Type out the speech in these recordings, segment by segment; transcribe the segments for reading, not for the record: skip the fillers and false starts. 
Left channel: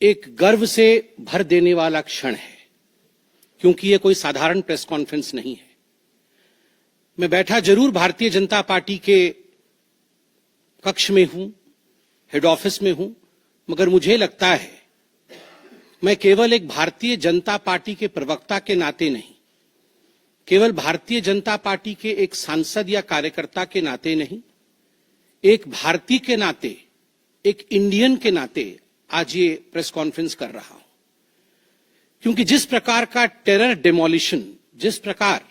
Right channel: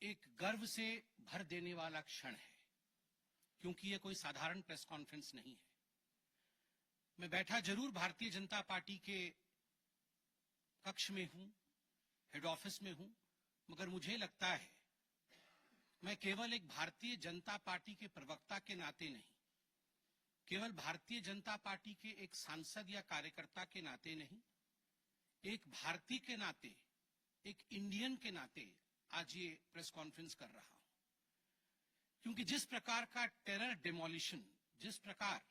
एक गर्व से भर देने वाला क्षण है, क्योंकि यह कोई साधारण प्रेस कॉन्फ्रेंस नहीं है। मैं बैठा जरूर भारतीय जनता पार्टी के कक्ष में हूं, हेड ऑफिस में हूं, मगर मुझे लगता है मैं केवल एक भारतीय जनता पार्टी के प्रवक्ता के नाते नहीं, केवल भारतीय जनता पार्टी के एक सांसद या कार्यकर्ता के नाते नहीं, एक भारतीय के नाते, एक इंडियन के नाते आज ये प्रेस कॉन्फ्रेंस कर रहा हूं। क्योंकि जिस प्रकार का टेरर डेमोलिशन, जिस प्रकार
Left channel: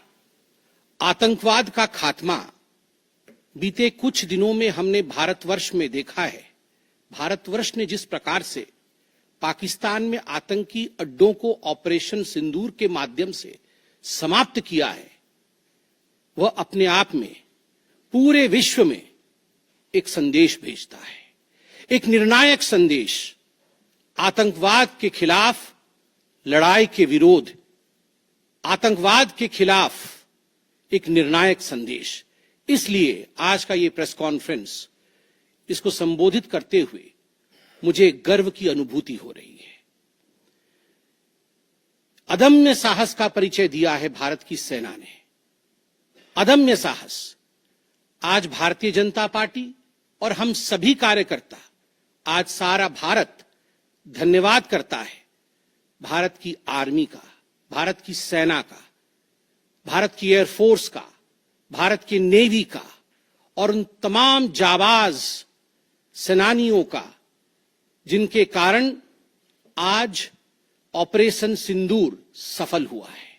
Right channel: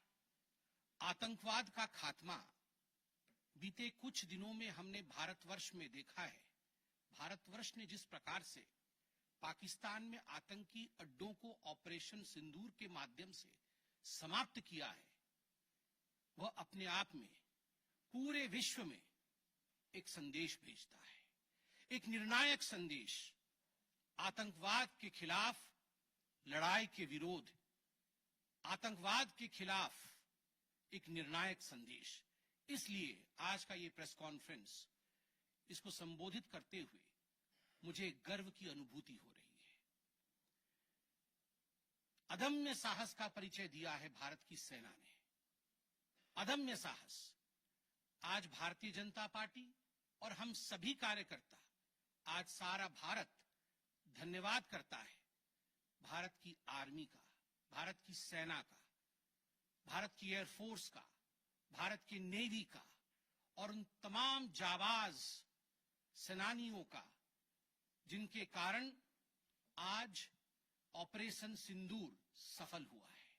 आतंकवाद का खात्मा बीते कुछ दिनों में हमने भारतवर्ष में देखा है, भारतवर्ष ने जिस प्रकार से पाकिस्तान में आतंकी अड्डों को ऑपरेशन सिंदूर के माध्यम से समाप्त किया है, वह अपने आप में पूरे विश्व में एक संदेश भेजता है, एक निर्णायक संदेश। आतंकवाद के खिलाफ लड़ाई के विरोध, आतंकवाद के खिलाफ एक निर्णायक संदेश। इसलिए आज का ये प्रेस कॉन्फ्रेंस, इसको संबोधित करते हुए मुझे गर्व की अनुभूति हो रही है। अदम्य साहस का परिचय दिया है भारत की सेना ने, अदम्य साहस। आज भारतीय जनता पार्टी और हम सभी कार्यकर्ता, आज सारा भारत धन्यवाद करता है भारत की आर्मी का, भारत की सेना का, भारत की एयरफोर्स का, भारत की नेवी का और उन तमाम जाबाज सेनानियों का जिनके कारण आज ऑपरेशन सिंदूर सफल हुआ है।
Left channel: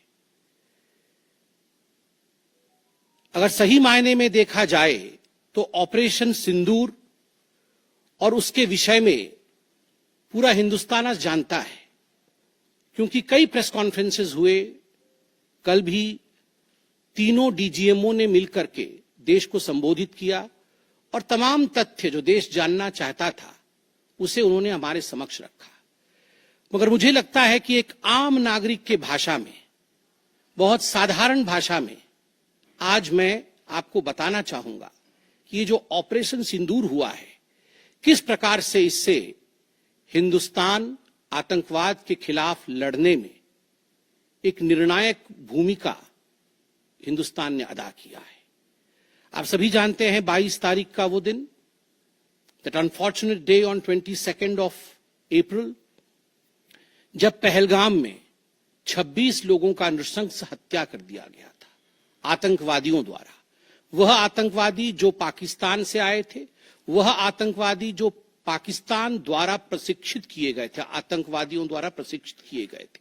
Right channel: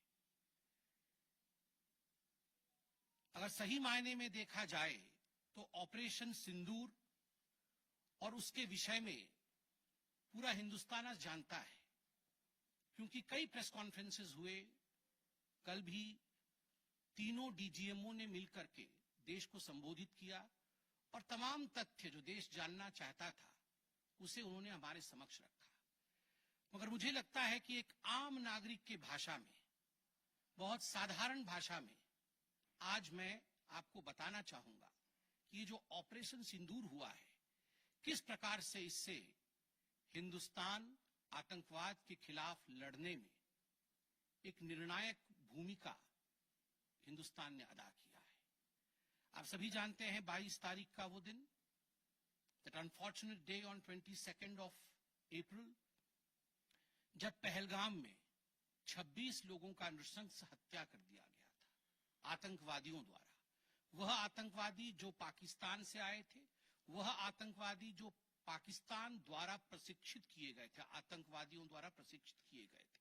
अगर सही मायने में देखा जाए तो ऑपरेशन सिंदूर और उसके विषय में पूरा हिंदुस्तान आज जानता है, क्योंकि कई प्रेस कॉन्फ्रेंसेस हुए। कल भी तीनों डीजीएमओ ने मिलकर के देश को संबोधित किया और तमाम तथ्य जो देश जानना चाहता था उसे उन्होंने हमारे समक्ष रखा। मगर मुझे लगता है कि एक आम नागरिक के भाषा में, बहुत साधारण भाषा में आज मैं आपको बताना चाहूंगा कि ये जो ऑपरेशन सिंदूर हुआ है, किस प्रकार से इससे हिंदुस्तान आतंकवाद के खिलाफ लड़ने में एक निर्णायक भूमिका हिंदुस्तान ने अदा किया है। आप सभी जानते हैं 22 तारीख का वो दिन, that unfortunate day on 22 of April, जब पहलगाम में 26 लोगों का नृशंस हत्या कर दिया गया था आतंकवादियों द्वारा। वह आतंकवादी जो पाकिस्तान से आए थे, वह आतंकवादी जो पाकिस्तान द्वारा प्रशिक्षित किए गए थे, आतंकवादियों द्वारा प्रशिक्षित किए गए थे।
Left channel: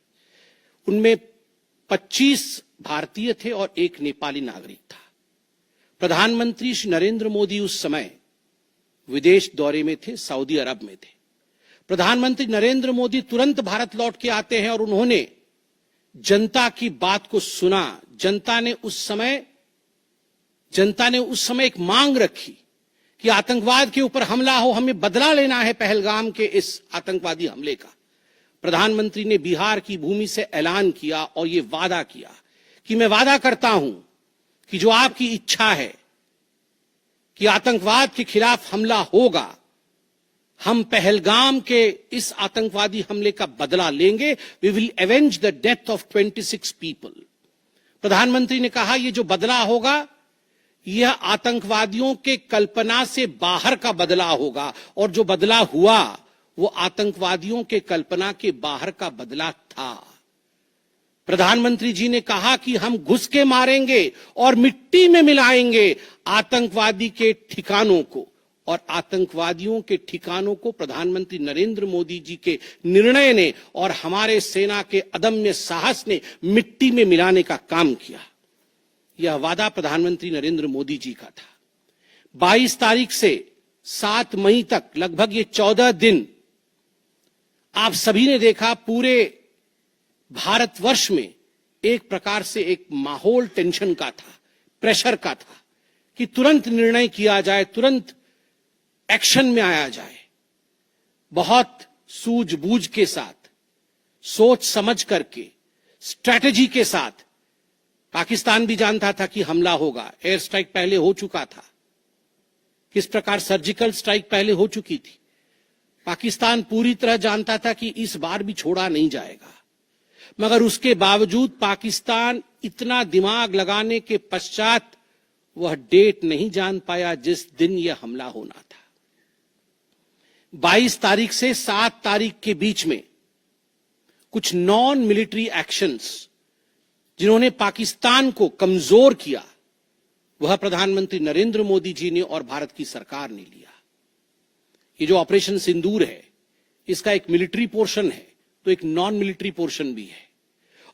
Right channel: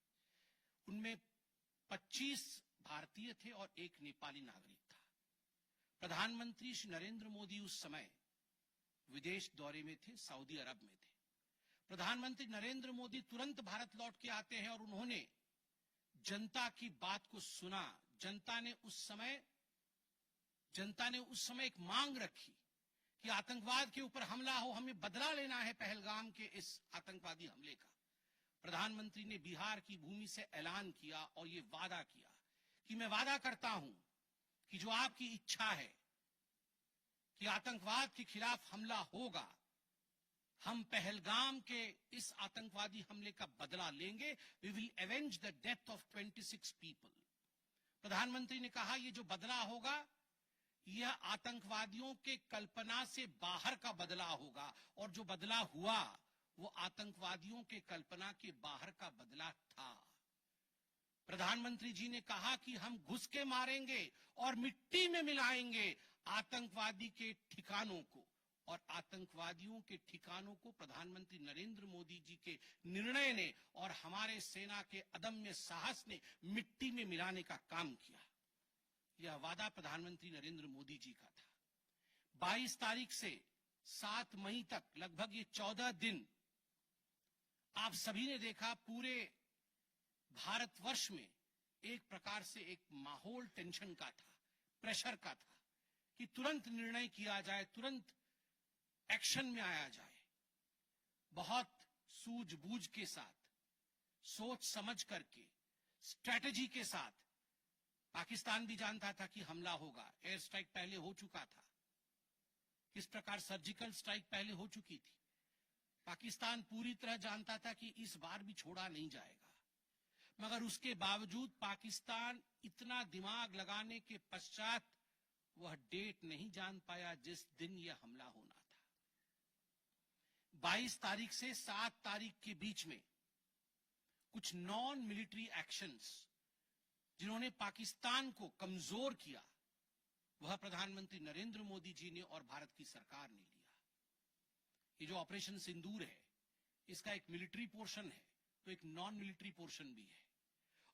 उनमें 25 भारतीय थे और एक नेपाली नागरिक था। प्रधानमंत्री श्री नरेंद्र मोदी उस समय विदेश दौरे में थे, सऊदी अरब में थे। प्रधानमंत्री नरेंद्र मोदी तुरंत भारत लौट के आते हैं और उन्होंने जनता की बात को सुना। जनता ने उस समय एक मांग रखी कि आतंकवाद के ऊपर हमला हो, हमें बदला लेना है पहलगाम के इस आतंकवादी हमले का। प्रधानमंत्री ने बिहार की भूमि से ऐलान किया और ये वादा किया कि मैं वादा करता हूं कि जो आपकी इच्छा है कि आतंकवाद के खिलाफ हमला होगा, हम पहलगाम के इस आतंकवादी हमले का बदला लेंगे। We will avenge the death of 26 people. प्रधानमंत्री ने कहा ये जो बदला होगा यह आतंकवादियों के कल्पना से बाहर का बदला होगा, और जो बदला हुआ वो आतंकवादियों के कल्पना के बाहर का बदला था। प्रधानमंत्री जी ने कहा कि हम घुस के मारेंगे और मिट्टी में मिलाएंगे आतंकवादी के ठिकानों को, और आतंकवादियों के ठिकानों को प्रधानमंत्री नरेंद्र मोदी जी के निर्णय ने और हमारे सेना के अदम्य साहस ने मिट्टी में मिलाने का काम किया। यह वादा प्रधानमंत्री नरेंद्र मोदी जी का था। 22 तारीख से 7 मई तक लगभग ये 14 दिन आप सभी ने देखा पूरे भारतवर्ष में एक प्रकार से एक माहौल टेंशन का था, प्रेशर का था कि तुरंत निर्णय किया जाए, तुरंत एक्शन में आया जाए। बहुत सूझबूझ के साथ, सोच समझ करके, स्ट्रैटेजी के साथ। पाकिस्तान भी जानता था कि हमला होगा, एयर स्ट्राइक पहले हो चुका था, किस प्रकार सर्जिकल स्ट्राइक पहले हो चुकी थी। पाकिस्तान पूरी तरह जानता था कि इस बार भी छोड़ा नहीं जाएगा, मगर उसके बावजूद पाकिस्तान इतना दिमाग लगाने के पश्चात वह डेट नहीं जान पाया जिस दिन यह हमला होना था। 22 तारीख से 7 तारीख के बीच में कुछ नॉन मिलिट्री एक्शंस जिन्होंने पाकिस्तान को कमजोर किया, वह प्रधानमंत्री नरेंद्र मोदी जी ने और भारत की सरकार ने लिया। ये जो ऑपरेशन सिंदूर है, इसका एक मिलिट्री पोर्शन है तो एक नॉन मिलिट्री पोर्शन भी है।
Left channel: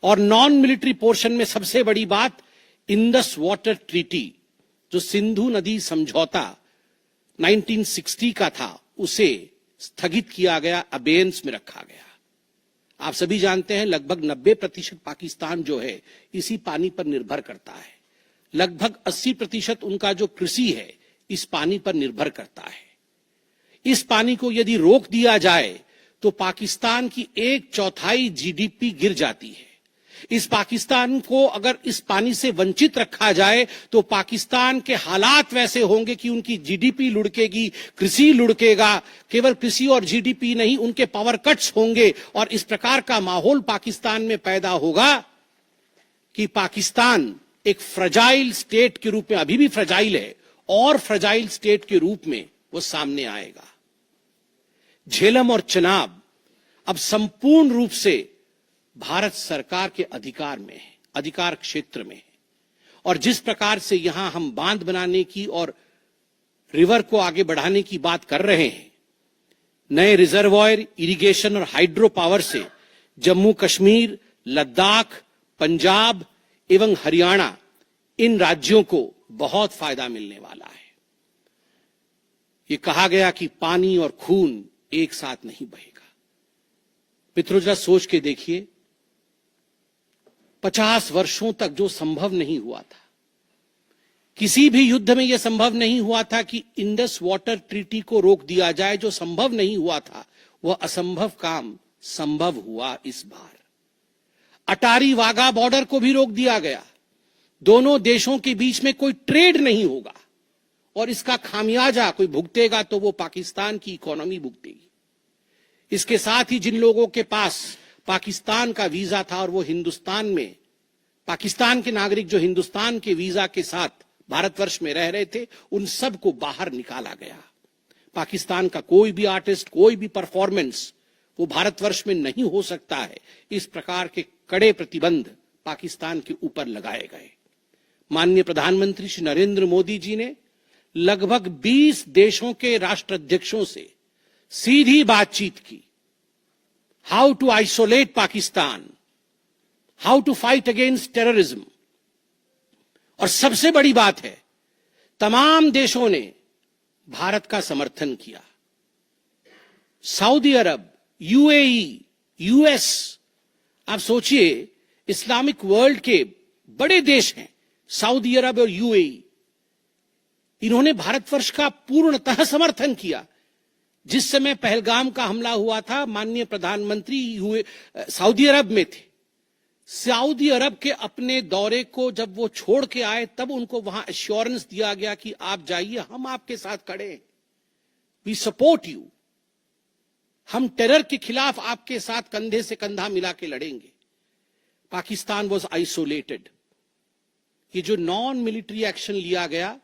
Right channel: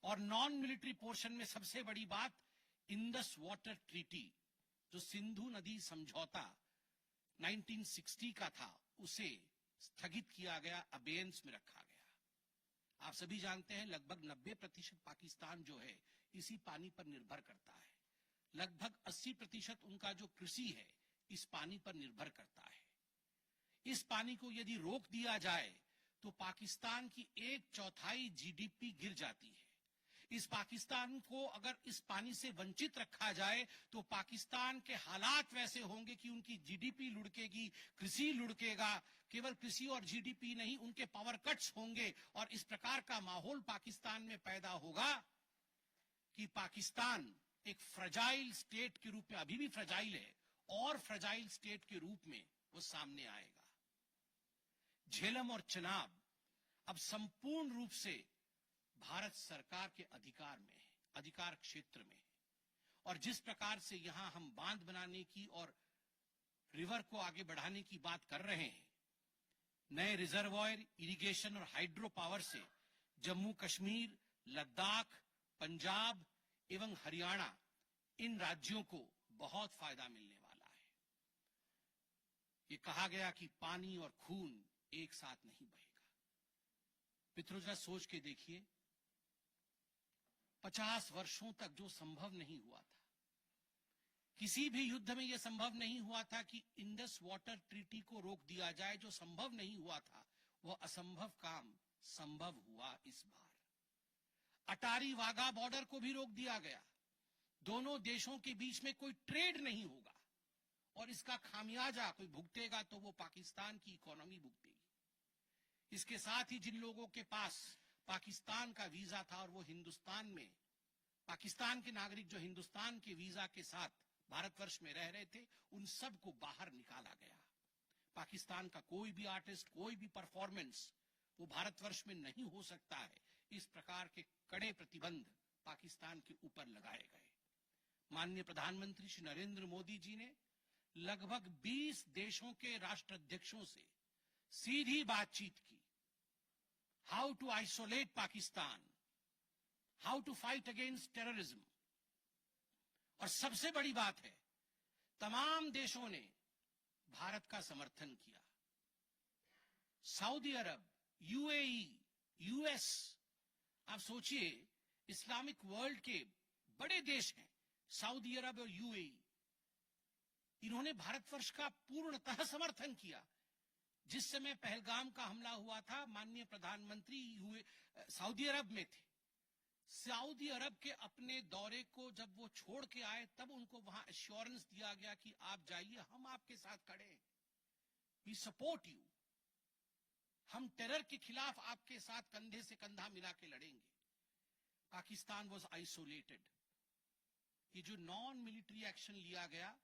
और नॉन मिलिट्री पोर्शन में सबसे बड़ी बात, इंडस वाटर ट्रीटी, जो सिंधु नदी समझौता 1960 का था, उसे स्थगित किया गया, अबेयंस में रखा गया। आप सभी जानते हैं लगभग 90% पाकिस्तान जो है इसी पानी पर निर्भर करता है। लगभग 80% उनका जो कृषि है इस पानी पर निर्भर करता है। इस पानी को यदि रोक दिया जाए तो पाकिस्तान की 1/4 जीडीपी गिर जाती है। इस पाकिस्तान को अगर इस पानी से वंचित रखा जाए तो पाकिस्तान के हालात वैसे होंगे कि उनकी जीडीपी लुढ़केगी, कृषि लुढ़केगा। केवल कृषि और जीडीपी नहीं, उनके पावर कट्स होंगे और इस प्रकार का माहौल पाकिस्तान में पैदा होगा कि पाकिस्तान एक फ्रजाइल स्टेट के रूप में, अभी भी फ्रजाइल है, और फ्रजाइल स्टेट के रूप में वो सामने आएगा। झेलम और चनाब अब संपूर्ण रूप से भारत सरकार के अधिकार में है, अधिकार क्षेत्र में है। और जिस प्रकार से यहां हम बांध बनाने की और रिवर को आगे बढ़ाने की बात कर रहे हैं, नए रिजर्वॉयर, इरिगेशन और हाइड्रो पावर से जम्मू कश्मीर, लद्दाख, पंजाब एवं हरियाणा, इन राज्यों को बहुत फायदा मिलने वाला है। ये कहा गया कि पानी और खून एक साथ नहीं बहेगा। मित्रों, जरा सोच के देखिए, 50 वर्षों तक जो संभव नहीं हुआ था, किसी भी युद्ध में यह संभव नहीं हुआ था कि इंडस वाटर ट्रीटी को रोक दिया जाए। जो संभव नहीं हुआ था वह असंभव काम संभव हुआ इस बार। अटारी वाघा बॉर्डर को भी रोक दिया गया। दोनों देशों के बीच में कोई ट्रेड नहीं होगा और इसका खामियाजा कोई भुगतेगा तो वो पाकिस्तान की इकोनॉमी भुगतेगी। इसके साथ ही जिन लोगों के पास पाकिस्तान का वीजा था और वो हिंदुस्तान में, पाकिस्तान के नागरिक जो हिंदुस्तान के वीजा के साथ भारतवर्ष में रह रहे थे, उन सब को बाहर निकाला गया। पाकिस्तान का कोई भी आर्टिस्ट, कोई भी परफॉर्मेंस वो भारतवर्ष में नहीं हो सकता है। इस प्रकार के कड़े प्रतिबंध पाकिस्तान के ऊपर लगाए गए। माननीय प्रधानमंत्री श्री नरेंद्र मोदी जी ने लगभग 20 देशों के राष्ट्राध्यक्षों से सीधी बातचीत की। How to isolate Pakistan, how to fight against terrorism. और सबसे बड़ी बात है, तमाम देशों ने भारत का समर्थन किया। सऊदी अरब, यूएई, यूएस, आप सोचिए, इस्लामिक वर्ल्ड के बड़े देश हैं सऊदी अरब और यूएई, इन्होंने भारतवर्ष का पूर्णतः समर्थन किया। जिस समय पहलगाम का हमला हुआ था, माननीय प्रधानमंत्री सऊदी अरब में थे। सऊदी अरब के अपने दौरे को जब वो छोड़ के आए, तब उनको वहां एश्योरेंस दिया गया कि आप जाइए, हम आपके साथ खड़े हैं, वी सपोर्ट यू, हम टेरर के खिलाफ आपके साथ कंधे से कंधा मिला के लड़ेंगे। Pakistan was isolated. ये जो नॉन मिलिट्री एक्शन लिया गया,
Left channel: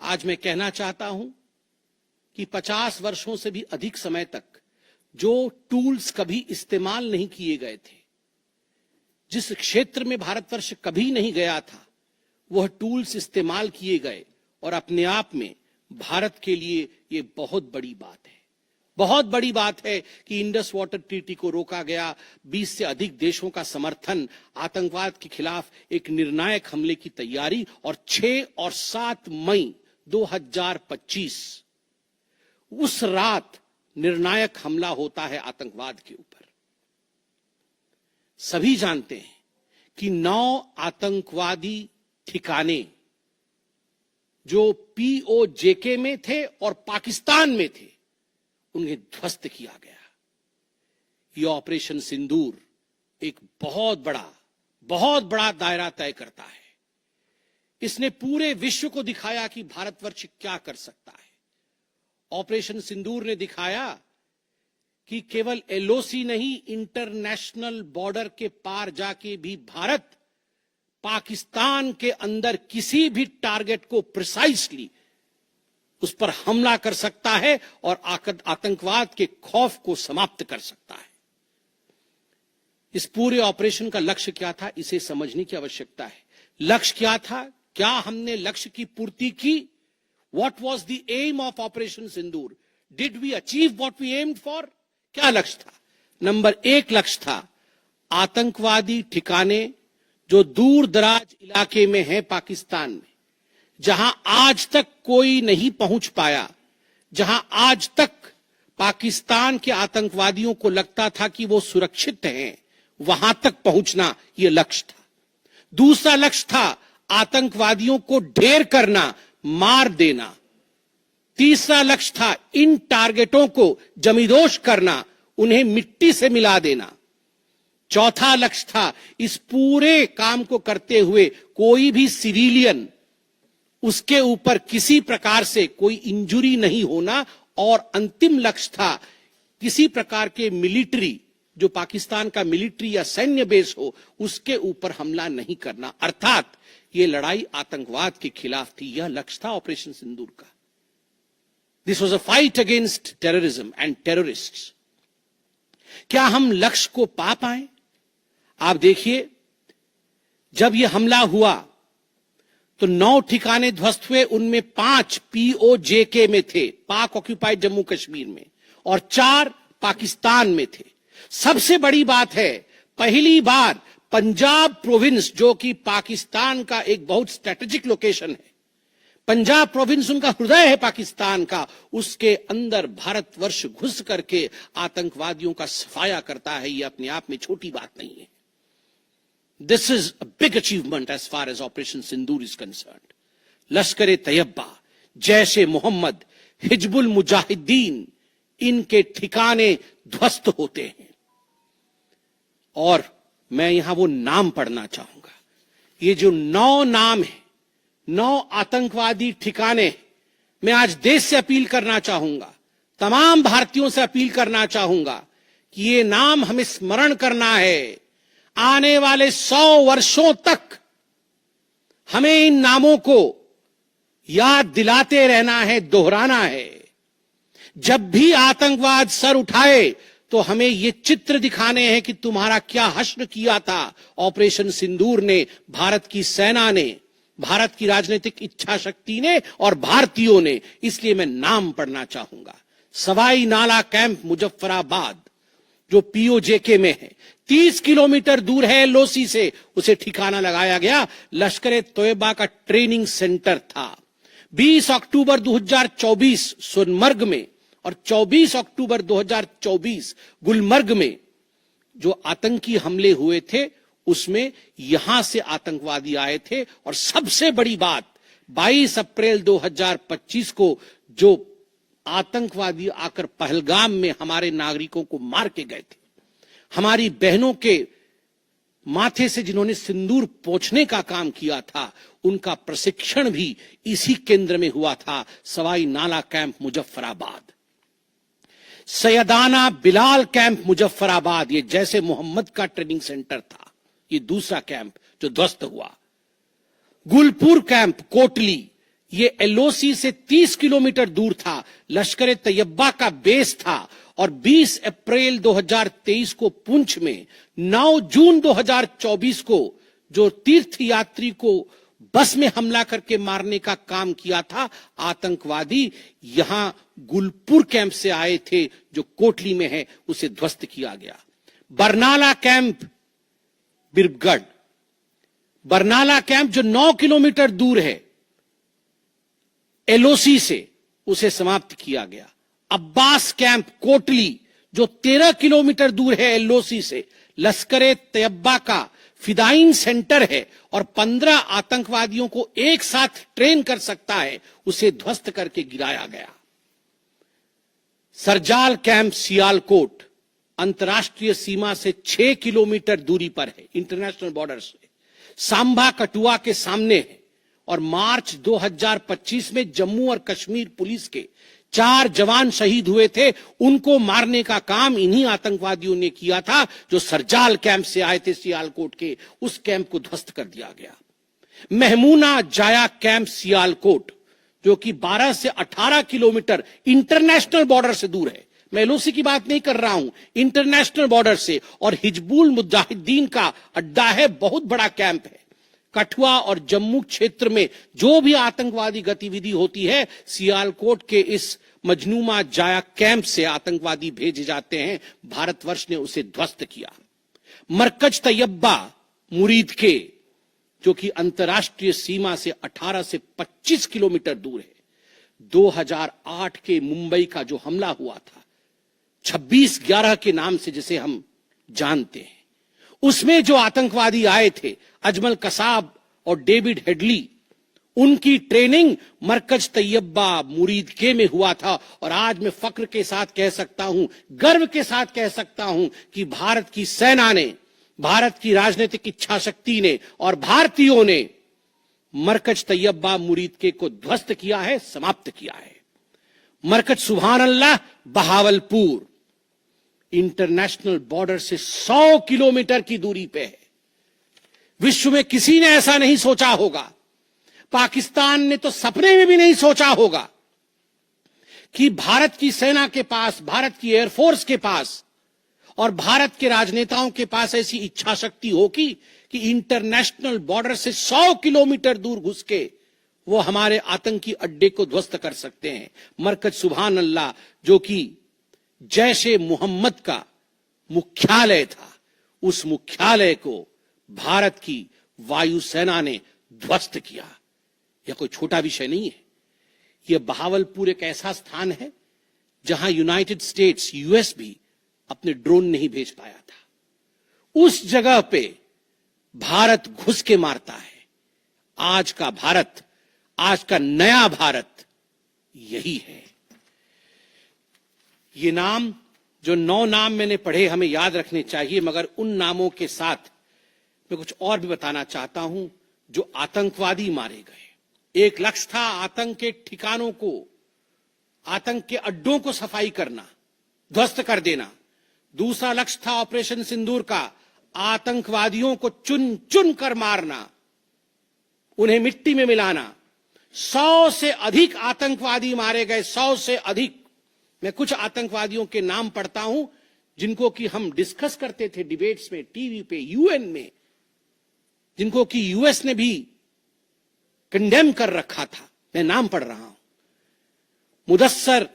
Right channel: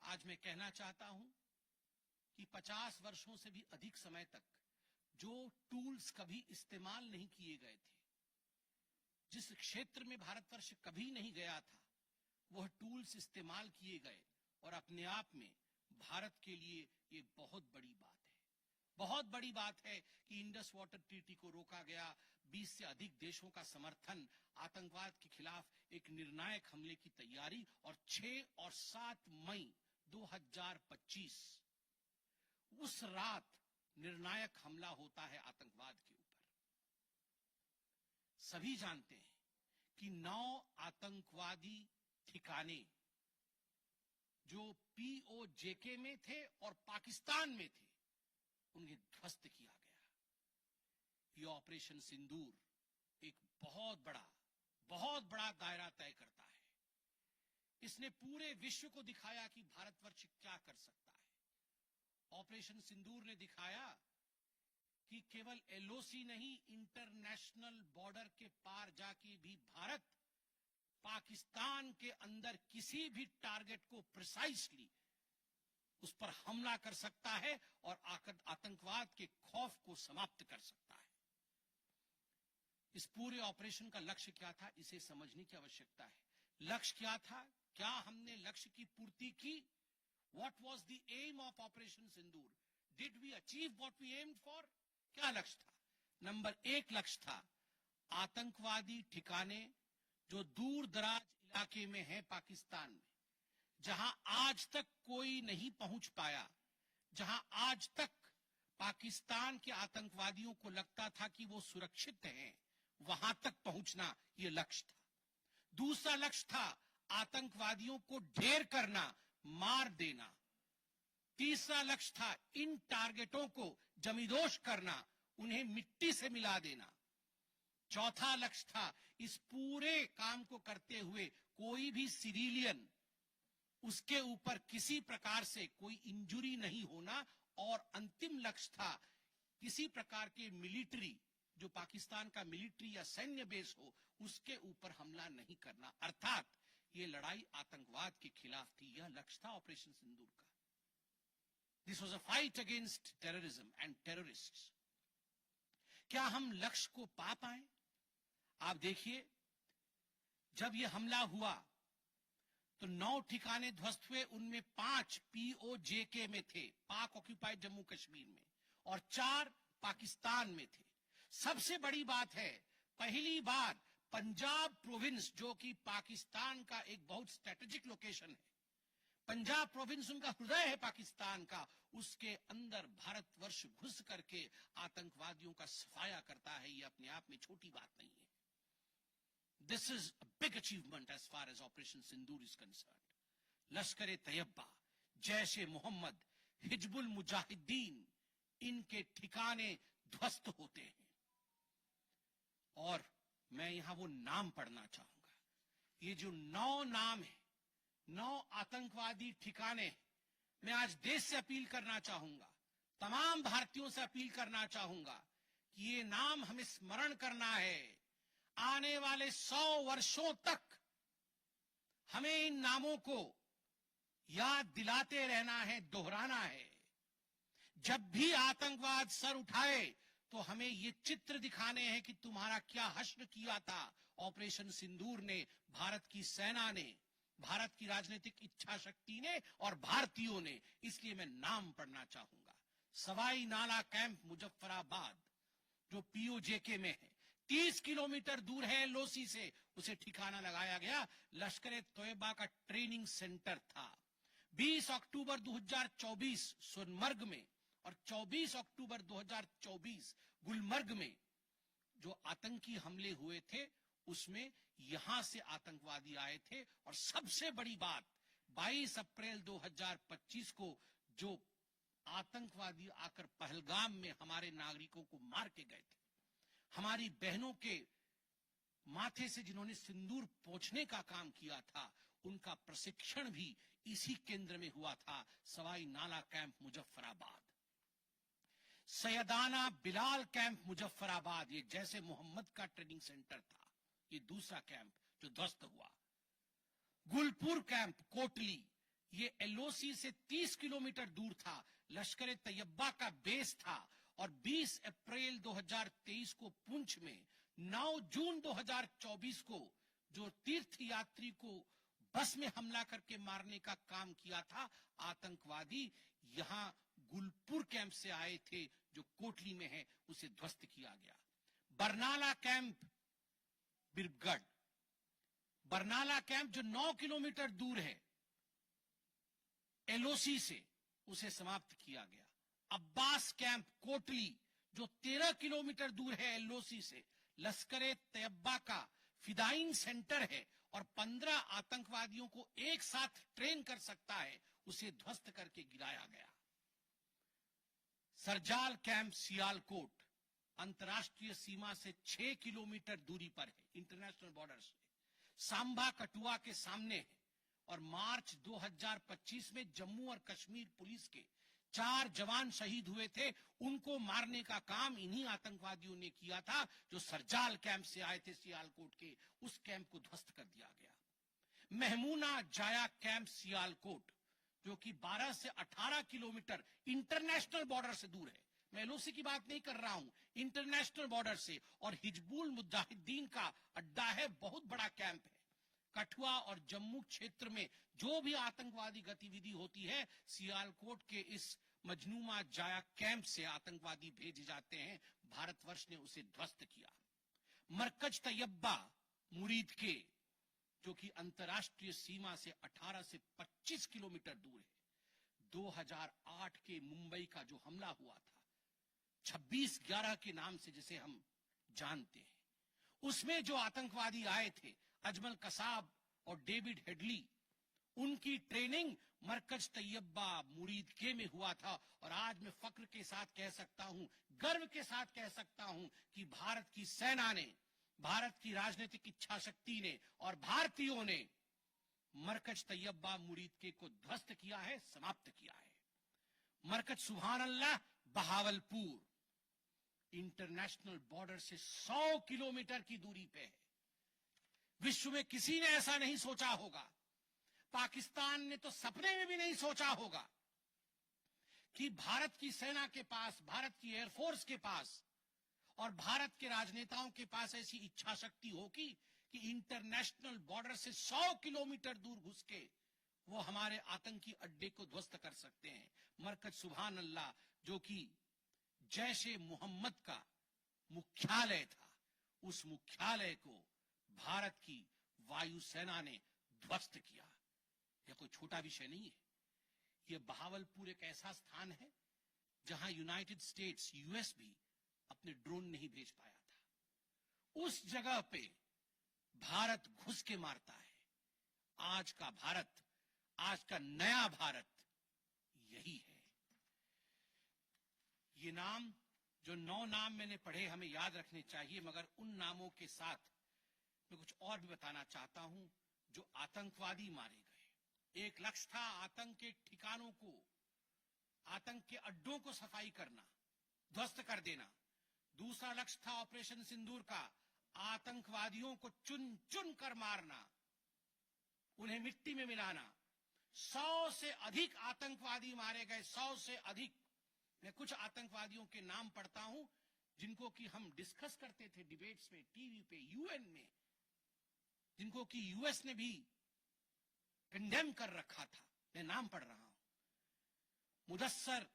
आज मैं कहना चाहता हूं कि 50 वर्षों से भी अधिक समय तक जो टूल्स कभी इस्तेमाल नहीं किए गए थे, जिस क्षेत्र में भारतवर्ष कभी नहीं गया था, वह टूल्स इस्तेमाल किए गए और अपने आप में भारत के लिए ये बहुत बड़ी बात है। बहुत बड़ी बात है कि इंडस वाटर ट्रीटी को रोका गया, 20 से अधिक देशों का समर्थन, आतंकवाद के खिलाफ एक निर्णायक हमले की तैयारी, और 6 और 7 मई 2025 उस रात निर्णायक हमला होता है आतंकवाद के ऊपर। सभी जानते हैं कि 9 आतंकवादी ठिकाने जो पीओजेके में थे और पाकिस्तान में थे, उन्हें ध्वस्त किया गया। यह ऑपरेशन सिंदूर एक बहुत बड़ा दायरा तय करता है। इसने पूरे विश्व को दिखाया कि भारतवर्ष क्या कर सकता है। ऑपरेशन सिंदूर ने दिखाया कि केवल एलओसी नहीं, इंटरनेशनल बॉर्डर के पार जाके भी भारत पाकिस्तान के अंदर किसी भी टारगेट को प्रिसाइसली उस पर हमला कर सकता है और आतंकवाद के खौफ को समाप्त कर सकता है। इस पूरे ऑपरेशन का लक्ष्य क्या था, इसे समझने की आवश्यकता है। लक्ष्य क्या था? क्या हमने लक्ष्य की पूर्ति की? What was the aim of Operation Sindoor? Did we achieve what we aimed for? क्या लक्ष्य था? नंबर 1 लक्ष्य था आतंकवादी ठिकाने जो दूर दराज इलाके में है पाकिस्तान में, जहां आज तक कोई नहीं पहुंच पाया, जहां आज तक पाकिस्तान के आतंकवादियों को लगता था कि वो सुरक्षित हैं, वहां तक पहुंचना यह लक्ष्य था। दूसरा लक्ष्य था आतंकवादियों को ढेर करना, मार देना। तीसरा लक्ष्य था इन टारगेटों को जमींदोज करना, उन्हें मिट्टी से मिला देना। चौथा लक्ष्य था इस पूरे काम को करते हुए कोई भी सिविलियन, उसके ऊपर किसी प्रकार से कोई इंजुरी नहीं होना। और अंतिम लक्ष्य था किसी प्रकार के मिलिट्री, जो पाकिस्तान का मिलिट्री या सैन्य बेस हो, उसके ऊपर हमला नहीं करना। अर्थात ये लड़ाई आतंकवाद के खिलाफ थी। यह लक्ष्य था ऑपरेशन सिंदूर का। This was a fight against terrorism and terrorists. क्या हम लक्ष्य को पा पाए? आप देखिए, जब यह हमला हुआ तो 9 ठिकाने ध्वस्त हुए, उनमें 5 POJK में थे, पाक ऑक्यूपाइड जम्मू कश्मीर में, और 4 पाकिस्तान में थे। सबसे बड़ी बात है, पहली बार पंजाब प्रोविंस, जो कि पाकिस्तान का एक बहुत स्ट्रेटेजिक लोकेशन है, पंजाब प्रोविंस उनका हृदय है पाकिस्तान का, उसके अंदर भारतवर्ष घुस करके आतंकवादियों का सफाया करता है। यह अपने आप में छोटी बात नहीं है। This is a big achievement as far as operation Sindoor is concerned. Lashkar Taiba, Jaish ए मोहम्मद, हिजबुल मुजाहिदीन, इनके ठिकाने ध्वस्त होते हैं। और मैं यहां वो नाम पढ़ना चाहूंगा। ये जो 9 नाम है, 9 आतंकवादी ठिकाने, मैं आज देश से अपील करना चाहूंगा, तमाम भारतीयों से अपील करना चाहूंगा कि ये नाम हमें स्मरण करना है। आने वाले 100 वर्षों तक हमें इन नामों को याद दिलाते रहना है, दोहराना है। जब भी आतंकवाद सर उठाए तो हमें ये चित्र दिखाने हैं कि तुम्हारा क्या हश्र किया था ऑपरेशन सिंदूर ने, भारत की सेना ने, भारत की राजनीतिक इच्छा शक्ति ने और भारतीयों ने। इसलिए मैं नाम पढ़ना चाहूंगा। सवाई नाला कैंप मुजफ्फराबाद, जो POJK में है, 30 किलोमीटर दूर है एलओसी से, उसे ठिकाना लगाया गया। लश्कर तोयबा का ट्रेनिंग सेंटर था। 20 अक्टूबर 2024 सोनमर्ग में और 24 अक्टूबर 2024 गुलमर्ग में जो आतंकी हमले हुए थे, उसमें यहां से आतंकवादी आए थे। और सबसे बड़ी बात, 22 अप्रैल 2025 को जो आतंकवादी आकर पहलगाम में हमारे नागरिकों को मार के गए थे, हमारी बहनों के माथे से जिन्होंने सिंदूर पोंछने का काम किया था, उनका प्रशिक्षण भी इसी केंद्र में हुआ था, सवाई नाला कैंप मुजफ्फराबाद। सैयदाना बिलाल कैंप मुजफ्फराबाद, ये जैसे मोहम्मद का ट्रेनिंग सेंटर था, ये दूसरा कैंप जो ध्वस्त हुआ। गुलपुर कैंप कोटली, ये एलओसी से 30 किलोमीटर दूर था, लश्कर तैयबा का बेस था। और 20 अप्रैल 2023 को पुंछ में, 9 जून 2024 को जो तीर्थ यात्री को बस में हमला करके मारने का काम किया था आतंकवादी, यहां गुलपुर कैंप से आए थे जो कोटली में है, उसे ध्वस्त किया गया। बरनाला कैंप बिरगढ़, बरनाला कैंप जो 9 किलोमीटर दूर है एलओसी से, उसे समाप्त किया गया। अब्बास कैंप कोटली जो 13 किलोमीटर दूर है एलओसी से, लश्कर तैयबा का फिदाइन सेंटर है और 15 आतंकवादियों को एक साथ ट्रेन कर सकता है, उसे ध्वस्त करके गिराया गया। सरजाल कैंप सियालकोट अंतर्राष्ट्रीय सीमा से 6 किलोमीटर दूरी पर है, इंटरनेशनल बॉर्डर से। सांबा कठुआ के सामने है और मार्च 2025 में जम्मू और कश्मीर पुलिस के 4 जवान शहीद हुए थे, उनको मारने का काम इन्हीं आतंकवादियों ने किया था जो सरजाल कैंप से आए थे सियालकोट के। उस कैंप को ध्वस्त कर दिया गया। महमूना जाया कैंप सियालकोट, जो कि 12 से 18 किलोमीटर इंटरनेशनल बॉर्डर से दूर है, मैं एलओसी की बात नहीं कर रहा हूं, इंटरनेशनल बॉर्डर से, और हिजबुल मुजाहिदीन का अड्डा है, बहुत बड़ा कैंप है। कठुआ और जम्मू क्षेत्र में जो भी आतंकवादी गतिविधि होती है, सियालकोट के इस मजनूमा जाया कैंप से आतंकवादी भेजे जाते हैं। भारतवर्ष ने उसे ध्वस्त किया। मरकज तैयबा मुरीद के, जो कि अंतर्राष्ट्रीय सीमा से 18 से 25 किलोमीटर दूर है, 2008 के मुंबई का जो हमला हुआ था 26/11 के नाम से जिसे हम जानते हैं, उसमें जो आतंकवादी आए थे अजमल कसाब और डेविड हेडली, उनकी ट्रेनिंग मरकज तैयबा मुरीद के में हुआ था। और आज मैं फक्र के साथ कह सकता हूं, गर्व के साथ कह सकता हूं कि भारत की सेना ने, भारत की राजनीतिक इच्छा शक्ति ने और भारतीयों ने मरकज तैयबा मुरीद के को ध्वस्त किया है, समाप्त किया है। मरकज सुभान अल्लाह बहावलपुर इंटरनेशनल बॉर्डर से 100 किलोमीटर की दूरी पे है। विश्व में किसी ने ऐसा नहीं सोचा होगा, पाकिस्तान ने तो सपने में भी नहीं सोचा होगा कि भारत की सेना के पास, भारत की एयरफोर्स के पास और भारत के राजनेताओं के पास ऐसी इच्छा शक्ति होगी कि इंटरनेशनल बॉर्डर से 100 किलोमीटर दूर घुस के वो हमारे आतंकी अड्डे को ध्वस्त कर सकते हैं। मरकज सुभान अल्लाह, जो कि जैशे मोहम्मद का मुख्यालय था, उस मुख्यालय को भारत की वायुसेना ने ध्वस्त किया। यह कोई छोटा विषय नहीं है। यह बहावलपुर एक ऐसा स्थान है जहां यूनाइटेड स्टेट्स, यूएस भी अपने ड्रोन नहीं भेज पाया था। उस जगह पे भारत घुस के मारता है। आज का भारत, आज का नया भारत यही है। ये नाम, जो 9 नाम मैंने पढ़े, हमें याद रखने चाहिए, मगर उन नामों के साथ मैं कुछ और भी बताना चाहता हूं। जो आतंकवादी मारे गए, एक लक्ष्य था आतंक के ठिकानों को, आतंक के अड्डों को सफाई करना, ध्वस्त कर देना। दूसरा लक्ष्य था ऑपरेशन सिंदूर का, आतंकवादियों को चुन चुन कर मारना, उन्हें मिट्टी में मिलाना। 100 से अधिक आतंकवादी मारे गए, 100 से अधिक। मैं कुछ आतंकवादियों के नाम पढ़ता हूं जिनको कि हम डिस्कस करते थे डिबेट्स में, टीवी पे, यूएन में, जिनको कि यूएस ने भी कंडेम कर रखा था। मैं नाम पढ़ रहा हूं। मुदस्सर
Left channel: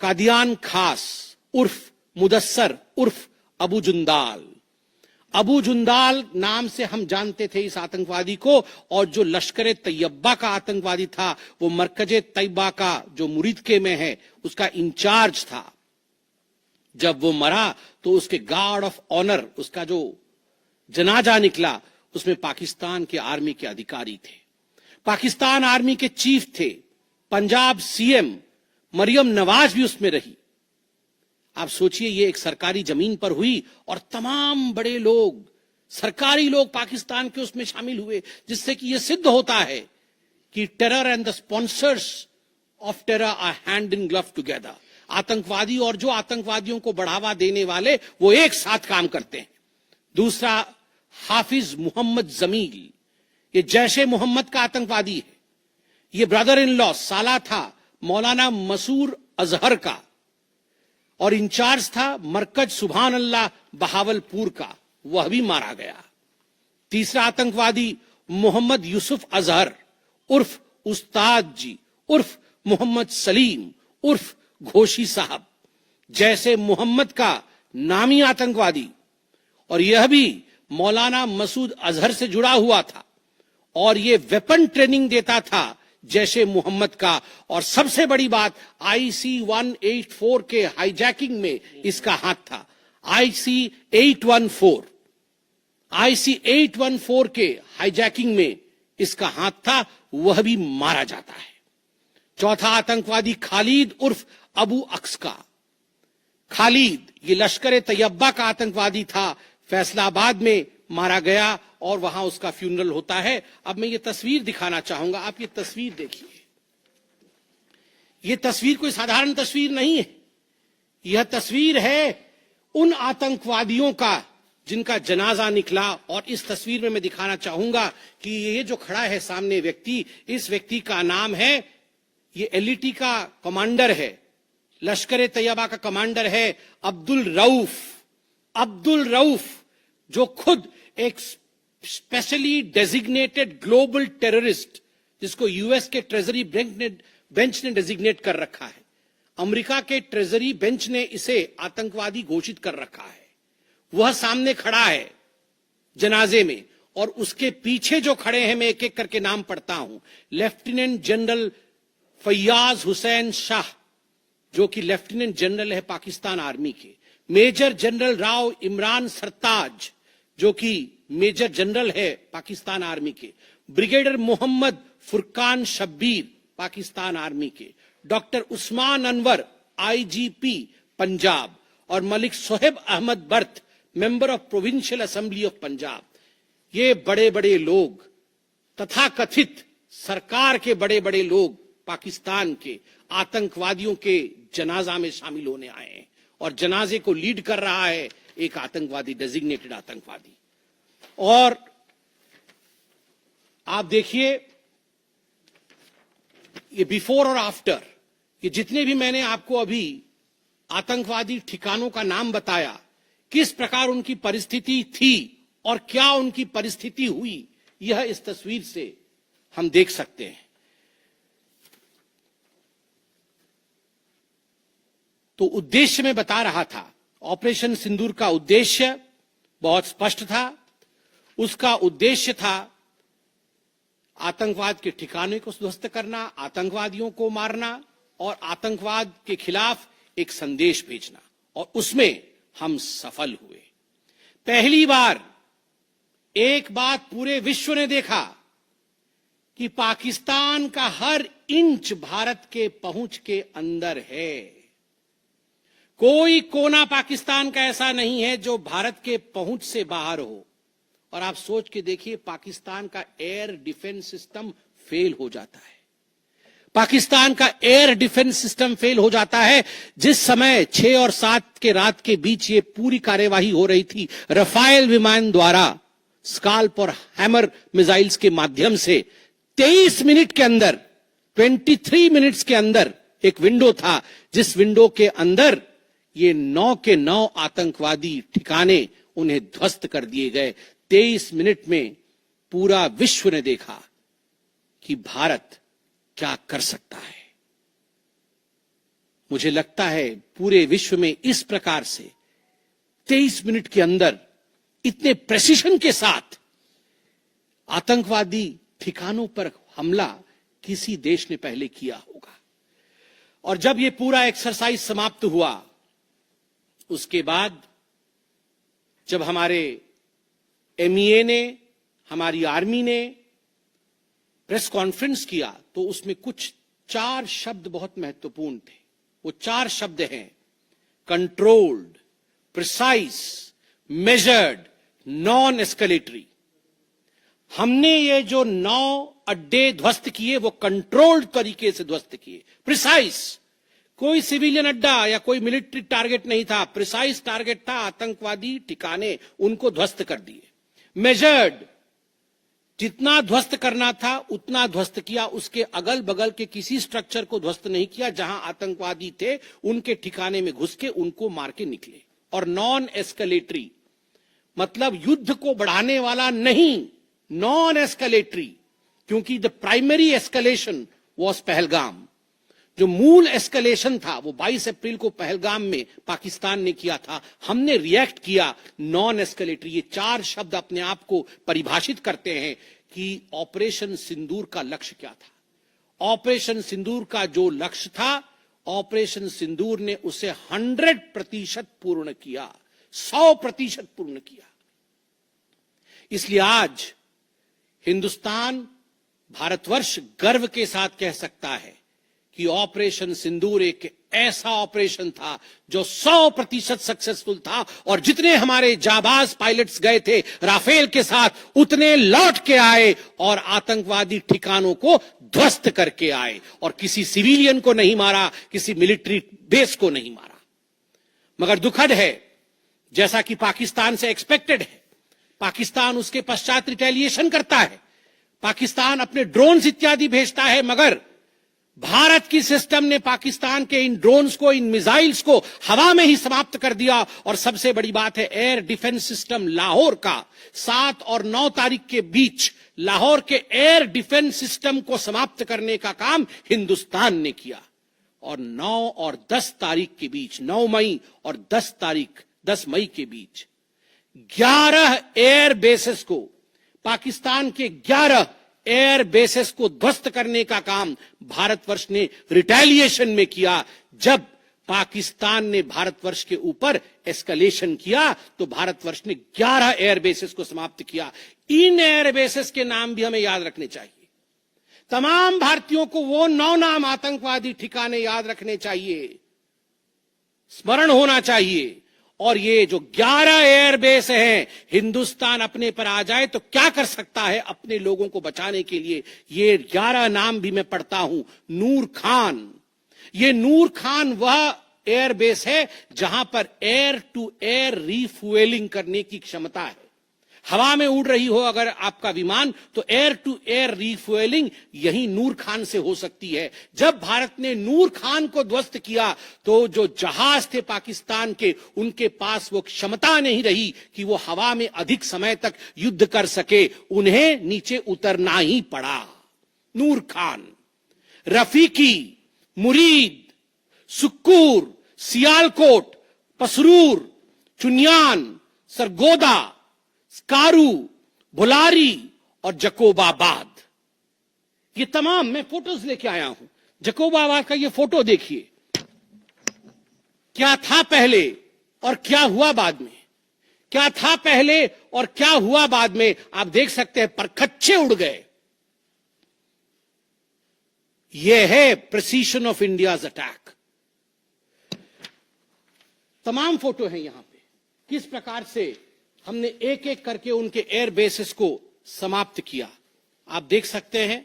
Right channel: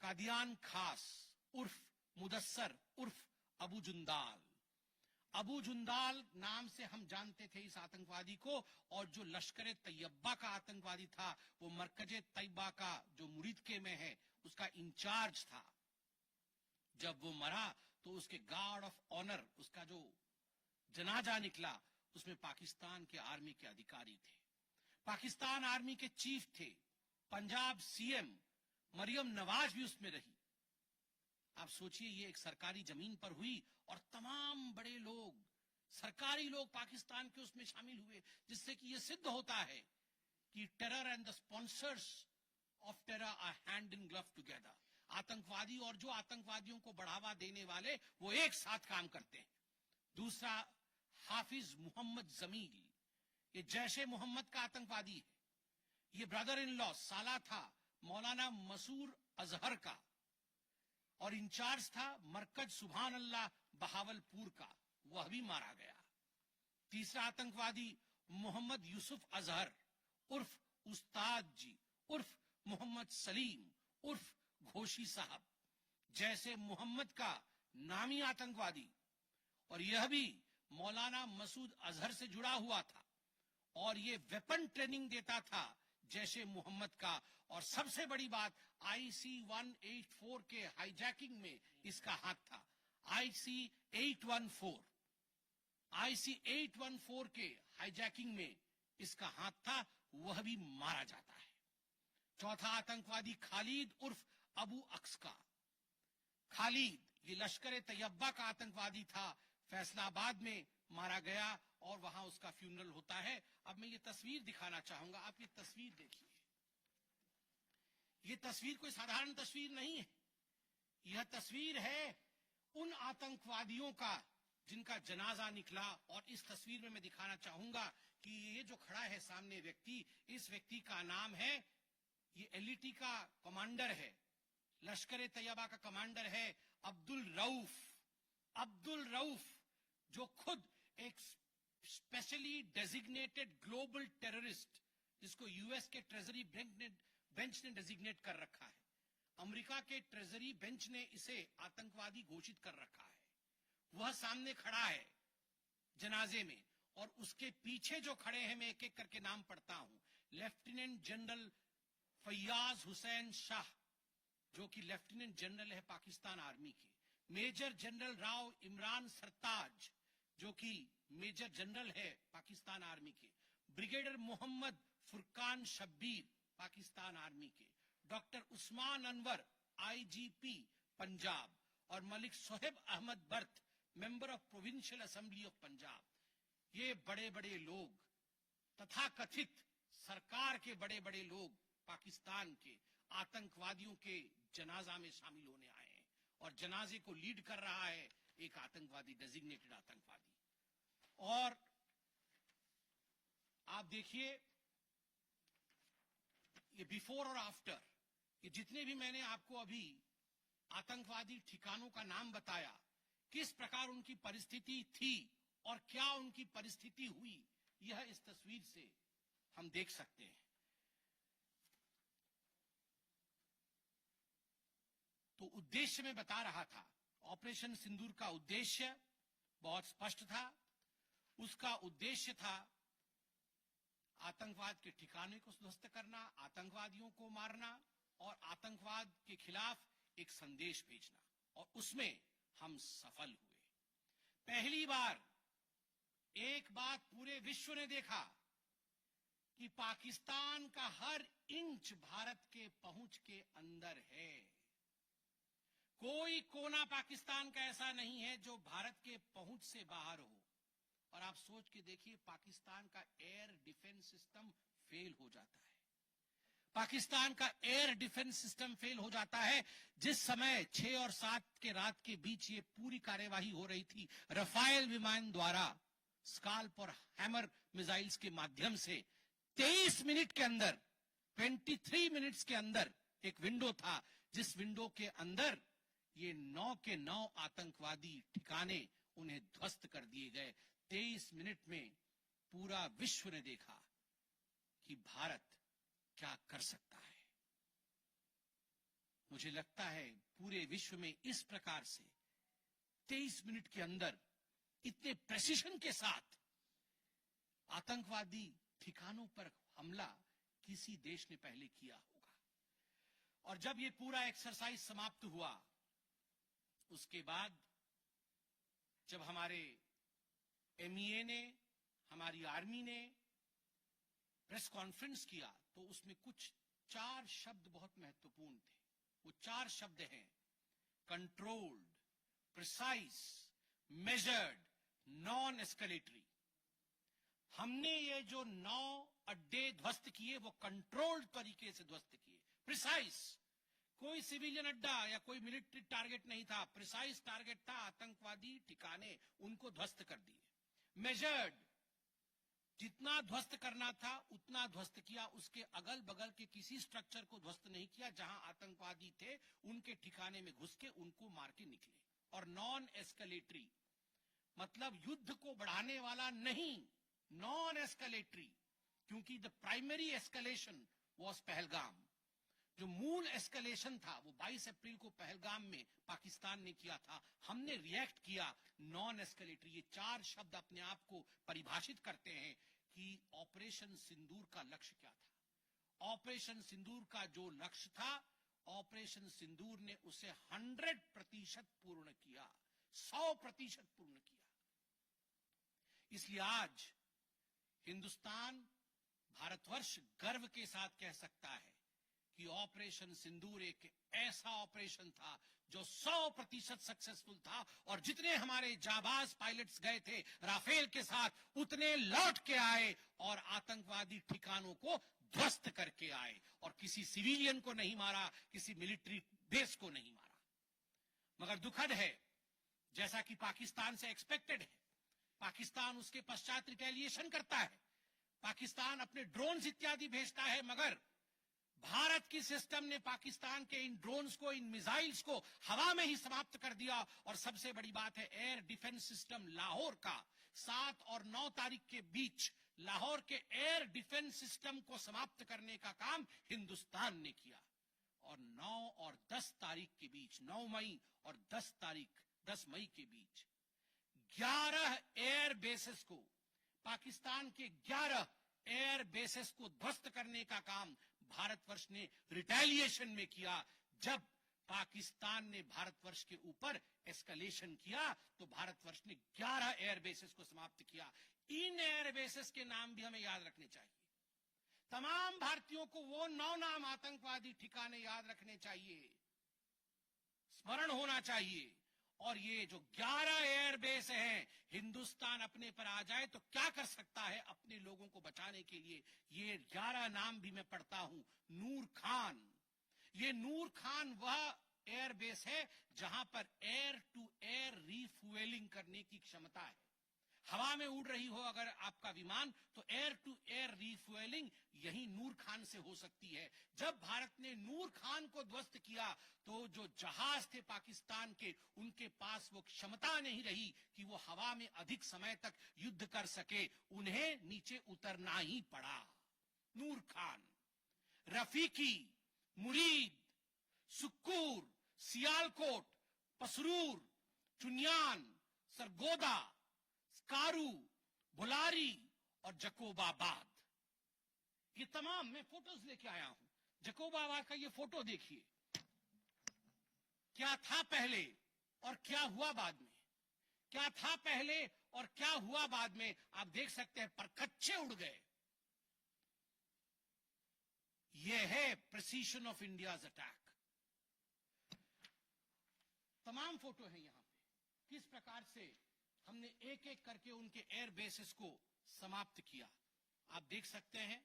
कादियान खास उर्फ मुदस्सर उर्फ अबू जुंदाल। अबू जुंदाल नाम से हम जानते थे इस आतंकवादी को। और जो लश्कर तैयबा का आतंकवादी था, वो मरकज तैयबा का जो मुरीदके में है, उसका इंचार्ज था। जब वो मरा तो उसके गार्ड ऑफ ऑनर, उसका जो जनाजा निकला, उसमें पाकिस्तान के आर्मी के अधिकारी थे, पाकिस्तान आर्मी के चीफ थे, पंजाब सीएम मरियम नवाज भी उसमें रही। आप सोचिए, ये एक सरकारी जमीन पर हुई और तमाम बड़े लोग, सरकारी लोग पाकिस्तान के उसमें शामिल हुए, जिससे कि यह सिद्ध होता है कि terror and the sponsors of terror are hand in glove together. आतंकवादी और जो आतंकवादियों को बढ़ावा देने वाले, वो एक साथ काम करते हैं। दूसरा, हाफिज मोहम्मद जमील, ये जैशे मोहम्मद का आतंकवादी है। ये ब्रदर इन लॉ, साला था मौलाना मसूर अजहर का, और इंचार्ज था मरकज सुभान अल्लाह बहावलपुर का, वह भी मारा गया। तीसरा आतंकवादी मोहम्मद यूसुफ अजहर उर्फ उस्ताद जी उर्फ मोहम्मद सलीम उर्फ घोशी साहब, जैसे मोहम्मद का नामी आतंकवादी, और यह भी मौलाना मसूद अजहर से जुड़ा हुआ था, और यह वेपन ट्रेनिंग देता था जैशे मोहम्मद का। और सबसे बड़ी बात, IC 184 के हाईजैकिंग में इसका हाथ था। IC 814 के हाईजैकिंग में इसका हाथ था, वह भी मारा जाता है। चौथा आतंकवादी खालिद उर्फ अबू अक्स का। खालिद ये लश्कर तैयबा का आतंकवादी था, फैसलाबाद में मारा गया और वहां उसका फ्यूनरल होता है। अब मैं ये तस्वीर दिखाना चाहूंगा, आप ये तस्वीर देखिए। ये तस्वीर कोई साधारण तस्वीर नहीं है। यह तस्वीर है उन आतंकवादियों का जिनका जनाजा निकला। और इस तस्वीर में मैं दिखाना चाहूंगा कि ये जो खड़ा है सामने व्यक्ति, इस व्यक्ति का नाम है, ये एलईटी का कमांडर है, लश्कर तैयबा का कमांडर है, अब्दुल रऊफ। अब्दुल रऊफ जो खुद एक स्पेशली डेजिग्नेटेड ग्लोबल टेररिस्ट, जिसको यूएस के ट्रेजरी बेंच ने डेजिग्नेट कर रखा है, अमेरिका के ट्रेजरी बेंच ने इसे आतंकवादी घोषित कर रखा है, वह सामने खड़ा है जनाजे में। और उसके पीछे जो खड़े हैं, मैं एक एक करके नाम पढ़ता हूं। लेफ्टिनेंट जनरल फैयाज हुसैन शाह, जो कि लेफ्टिनेंट जनरल है पाकिस्तान आर्मी के। मेजर जनरल राव इमरान सरताज, जो कि मेजर जनरल है पाकिस्तान आर्मी के। ब्रिगेडियर मोहम्मद फुरकान शब्बीर, पाकिस्तान आर्मी के। Doctor Usman Anwar, IGP Punjab. और Malik Sohaib Ahmad Bharth, member of provincial assembly of Punjab. ये बड़े बड़े लोग, तथाकथित सरकार के बड़े बड़े लोग पाकिस्तान के आतंकवादियों के जनाजा में शामिल होने आए हैं। और जनाजे को लीड कर रहा है एक आतंकवादी, डेजिग्नेटेड आतंकवादी। और आप देखिए, ये बिफोर और आफ्टर, ये जितने भी मैंने आपको अभी आतंकवादी ठिकानों का नाम बताया, किस प्रकार उनकी परिस्थिति थी और क्या उनकी परिस्थिति हुई, यह इस तस्वीर से हम देख सकते हैं। तो उद्देश्य मैं बता रहा था, ऑपरेशन सिंदूर का उद्देश्य बहुत स्पष्ट था। उसका उद्देश्य था आतंकवाद के ठिकाने को ध्वस्त करना, आतंकवादियों को मारना और आतंकवाद के खिलाफ एक संदेश भेजना। और उसमें हम सफल हुए। पहली बार एक बात पूरे विश्व ने देखा कि पाकिस्तान का हर इंच भारत के पहुंच के अंदर है। कोई कोना पाकिस्तान का ऐसा नहीं है जो भारत के पहुंच से बाहर हो। और आप सोच के देखिए, पाकिस्तान का एयर डिफेंस सिस्टम फेल हो जाता है। पाकिस्तान का एयर डिफेंस सिस्टम फेल हो जाता है। जिस समय 6 और 7 के रात के बीच ये पूरी कार्यवाही हो रही थी, रफाल विमान द्वारा स्काल्प और हैमर मिसाइल्स के माध्यम से 23 मिनट के अंदर, 23 मिनट्स के अंदर एक विंडो था, जिस विंडो के अंदर ये 9 के 9 आतंकवादी ठिकाने उन्हें ध्वस्त कर दिए गए। 23 मिनट में पूरा विश्व ने देखा कि भारत क्या कर सकता है। मुझे लगता है पूरे विश्व में इस प्रकार से 23 मिनट के अंदर इतने प्रेसिशन के साथ आतंकवादी ठिकानों पर हमला किसी देश ने पहले किया होगा। और जब यह पूरा एक्सरसाइज समाप्त हुआ, उसके बाद जब हमारे एमईए ने, हमारी आर्मी ने प्रेस कॉन्फ्रेंस किया, तो उसमें कुछ 4 शब्द बहुत महत्वपूर्ण थे। वो 4 शब्द हैं: controlled, precise, measured, non escalatory. हमने ये जो 9 अड्डे ध्वस्त किए, वो कंट्रोल्ड तरीके से ध्वस्त किए। प्रिसाइज, कोई सिविलियन अड्डा या कोई मिलिट्री टारगेट नहीं था, प्रिसाइज टारगेट था, आतंकवादी ठिकाने, उनको ध्वस्त कर दिए। मेजर्ड, जितना ध्वस्त करना था उतना ध्वस्त किया, उसके अगल बगल के किसी स्ट्रक्चर को ध्वस्त नहीं किया। जहां आतंकवादी थे उनके ठिकाने में घुस के उनको मार के निकले। और नॉन एस्केलेटरी मतलब युद्ध को बढ़ाने वाला नहीं, नॉन एस्केलेटरी, क्योंकि the primary escalation was Pahalgam. जो मूल एस्केलेशन था वो 22 अप्रैल को पहलगाम में पाकिस्तान ने किया था। हमने रिएक्ट किया नॉन एस्केलेटरी। ये 4 शब्द अपने आप को परिभाषित करते हैं कि ऑपरेशन सिंदूर का लक्ष्य क्या था। ऑपरेशन सिंदूर का जो लक्ष्य था, ऑपरेशन सिंदूर ने उसे 100% पूर्ण किया, 100% पूर्ण किया। इसलिए आज हिंदुस्तान, भारतवर्ष गर्व के साथ कह सकता है कि ऑपरेशन सिंदूर एक ऐसा ऑपरेशन था जो 100% सक्सेसफुल था। और जितने हमारे जाबाज पायलट्स गए थे राफेल के साथ, उतने लौट के आए और आतंकवादी ठिकानों को ध्वस्त करके आए और किसी सिविलियन को नहीं मारा, किसी मिलिट्री बेस को नहीं मारा। मगर दुखद है, जैसा कि पाकिस्तान से एक्सपेक्टेड है, पाकिस्तान उसके पश्चात रिटेलिएशन करता है, पाकिस्तान अपने ड्रोन्स इत्यादि भेजता है, मगर भारत की सिस्टम ने पाकिस्तान के इन ड्रोन्स को, इन मिसाइल्स को हवा में ही समाप्त कर दिया। और सबसे बड़ी बात है, एयर डिफेंस सिस्टम लाहौर का 7 और 9 तारीख के बीच लाहौर के एयर डिफेंस सिस्टम को समाप्त करने का काम हिंदुस्तान ने किया। और 9 और 10 तारीख के बीच, 9 मई और 10 मई के बीच 11 एयर बेसेस को, पाकिस्तान के 11 एयर बेसेस को ध्वस्त करने का काम भारतवर्ष ने रिटेलिएशन में किया। जब पाकिस्तान ने भारतवर्ष के ऊपर एस्केलेशन किया तो भारतवर्ष ने 11 एयर बेसेस को समाप्त किया। इन एयर बेसेस के नाम भी हमें याद रखने चाहिए। तमाम भारतीयों को वो 9 नाम आतंकवादी ठिकाने याद रखने चाहिए, स्मरण होना चाहिए। और ये जो 11 एयरबेस हैं, हिंदुस्तान अपने पर आ जाए तो क्या कर सकता है अपने लोगों को बचाने के लिए। ये 11 नाम भी मैं पढ़ता हूं। नूर खान, ये नूर खान वह एयरबेस है जहां पर एयर टू एयर रीफ्यूएलिंग करने की क्षमता है। हवा में उड़ रही हो अगर आपका विमान, तो एयर टू एयर रीफ्यूएलिंग यही नूर खान से हो सकती है। जब भारत ने नूर खान को ध्वस्त किया तो जो जहाज थे पाकिस्तान के, उनके पास वो क्षमता नहीं रही कि वो हवा में अधिक समय तक युद्ध कर सके, उन्हें नीचे उतरना ही पड़ा। नूर खान, रफीकी, मुरीद, सुक्कूर, सियालकोट, पसरूर, चुनियान, सरगोदा, स्कारू, भुलारी और जकोबाबाद, ये तमाम मैं फोटोज लेके आया हूं। जकोबाबाद का ये फोटो देखिए, क्या था पहले और क्या हुआ बाद में, क्या था पहले और क्या हुआ बाद में, आप देख सकते हैं परखच्चे उड़ गए। यह है प्रिसीशन ऑफ इंडियाज अटैक। तमाम फोटो हैं यहां पे, किस प्रकार से हमने एक एक करके उनके एयर बेसेस को समाप्त किया। आप देख सकते हैं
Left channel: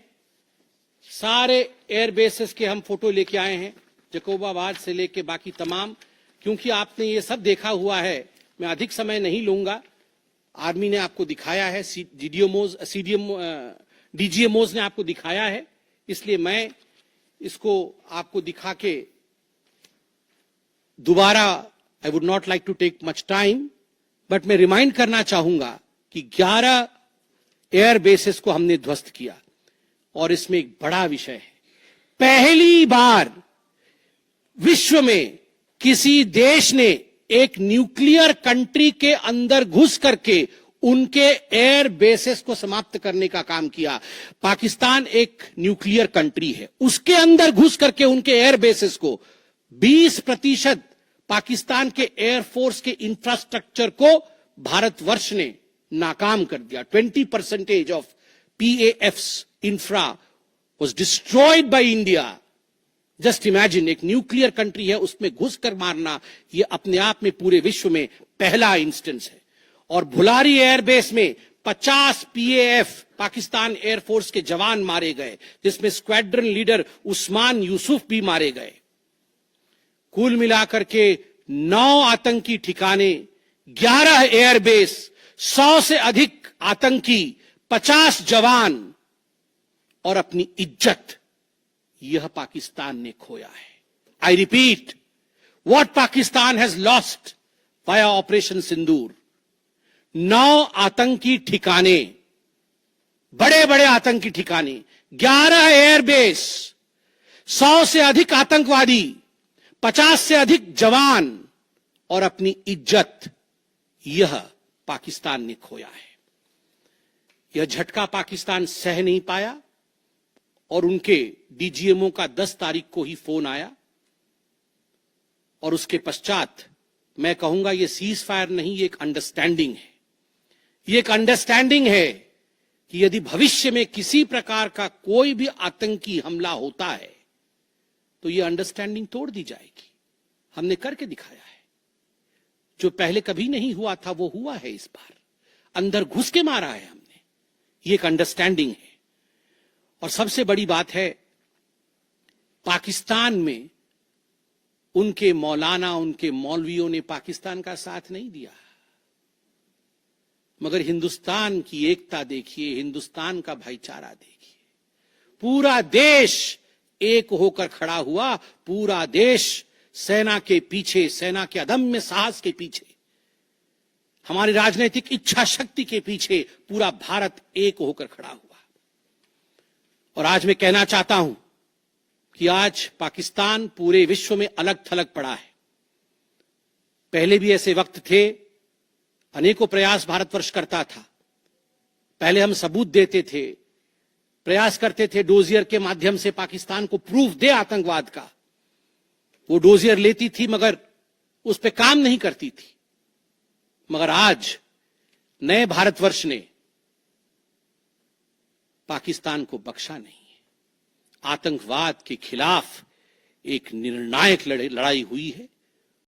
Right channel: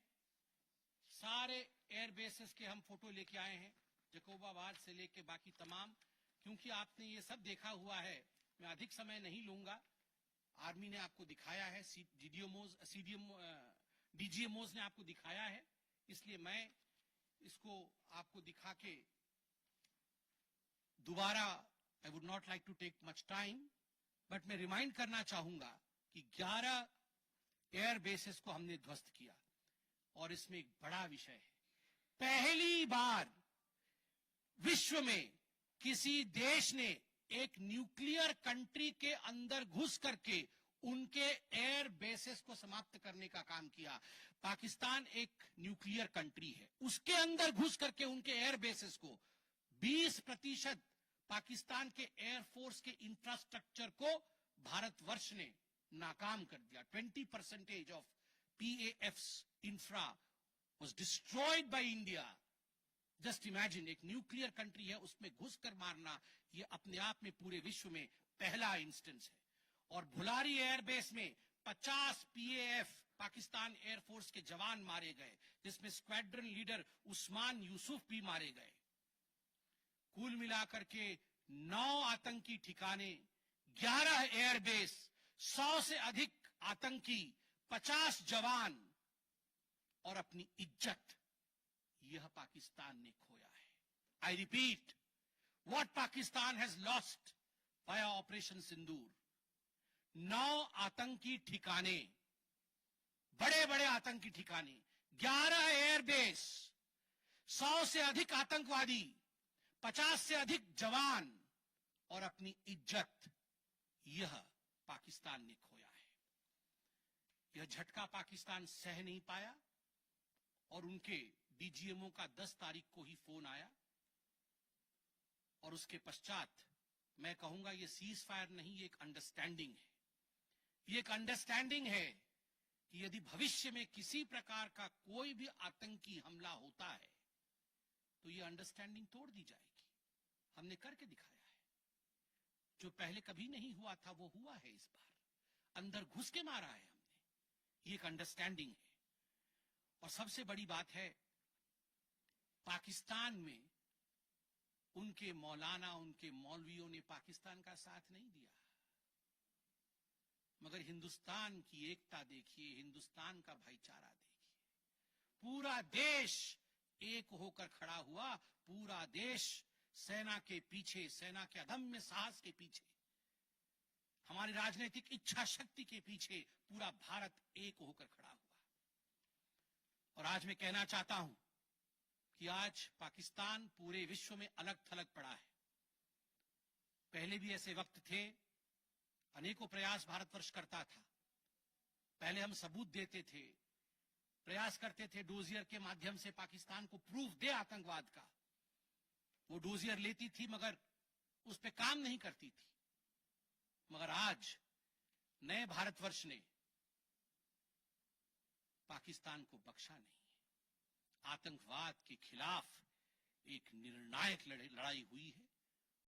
सारे एयर बेसेस के हम फोटो लेके आए हैं, जकोबाबाद से लेके बाकी तमाम। क्योंकि आपने ये सब देखा हुआ है, मैं अधिक समय नहीं लूंगा। आर्मी ने आपको दिखाया है, डीजीएमओज ने आपको दिखाया है, इसलिए मैं इसको आपको दिखा के दोबारा, I would not like to take much time, but मैं रिमाइंड करना चाहूंगा कि 11 एयर बेसेस को हमने ध्वस्त किया। और इसमें एक बड़ा विषय है, पहली बार विश्व में किसी देश ने एक न्यूक्लियर कंट्री के अंदर घुस करके उनके एयर बेसेस को समाप्त करने का काम किया। पाकिस्तान एक न्यूक्लियर कंट्री है, उसके अंदर घुस करके उनके एयर बेसेस को 20% पाकिस्तान के एयरफोर्स के इंफ्रास्ट्रक्चर को भारतवर्ष ने नाकाम कर दिया। 20% of PAF's infra was destroyed by India. Just imagine, एक न्यूक्लियर कंट्री है, उसमें घुसकर मारना, यह अपने आप में पूरे विश्व में पहला इंस्टेंस है। और भुलारी एयरबेस में 50 PAF पाकिस्तान एयरफोर्स के जवान मारे गए, जिसमें स्क्वाड्रन लीडर उस्मान यूसुफ भी मारे गए। कुल मिलाकर के 9 आतंकी ठिकाने, 11 एयरबेस, 100 से अधिक आतंकी, 50 जवान और अपनी इज्जत, यह पाकिस्तान ने खोया है। I repeat, what Pakistan has lost via operation Sindoor. 9 आतंकी ठिकाने, बड़े बड़े आतंकी ठिकाने, 11 एयरबेस, 100 से अधिक आतंकवादी, 50 से अधिक जवान और अपनी इज्जत, यह पाकिस्तान ने खोया है। यह झटका पाकिस्तान सह नहीं पाया और उनके डीजीएमओ का 10 तारीख को ही फोन आया। और उसके पश्चात मैं कहूंगा यह सीज फायर नहीं, ये एक अंडरस्टैंडिंग है। ये एक अंडरस्टैंडिंग है कि यदि भविष्य में किसी प्रकार का कोई भी आतंकी हमला होता है तो यह अंडरस्टैंडिंग तोड़ दी जाएगी। हमने करके दिखाया है, जो पहले कभी नहीं हुआ था वो हुआ है इस बार। अंदर घुस के मारा है हमने, ये एक अंडरस्टैंडिंग है। और सबसे बड़ी बात है, पाकिस्तान में उनके मौलाना, उनके मौलवियों ने पाकिस्तान का साथ नहीं दिया, मगर हिंदुस्तान की एकता देखिए, हिंदुस्तान का भाईचारा देखिए। पूरा देश एक होकर खड़ा हुआ, पूरा देश सेना के पीछे, सेना के अदम्य साहस के पीछे, हमारी राजनीतिक इच्छा शक्ति के पीछे पूरा भारत एक होकर खड़ा हुआ। और आज मैं कहना चाहता हूं कि आज पाकिस्तान पूरे विश्व में अलग थलग पड़ा है। पहले भी ऐसे वक्त थे, अनेकों प्रयास भारतवर्ष करता था। पहले हम सबूत देते थे, प्रयास करते थे डोजियर के माध्यम से पाकिस्तान को प्रूफ दे आतंकवाद का। वो डोजियर लेती थी मगर उस पर काम नहीं करती थी। मगर आज नए भारतवर्ष ने पाकिस्तान को बख्शा नहीं है। आतंकवाद के खिलाफ एक निर्णायक लड़ाई हुई है।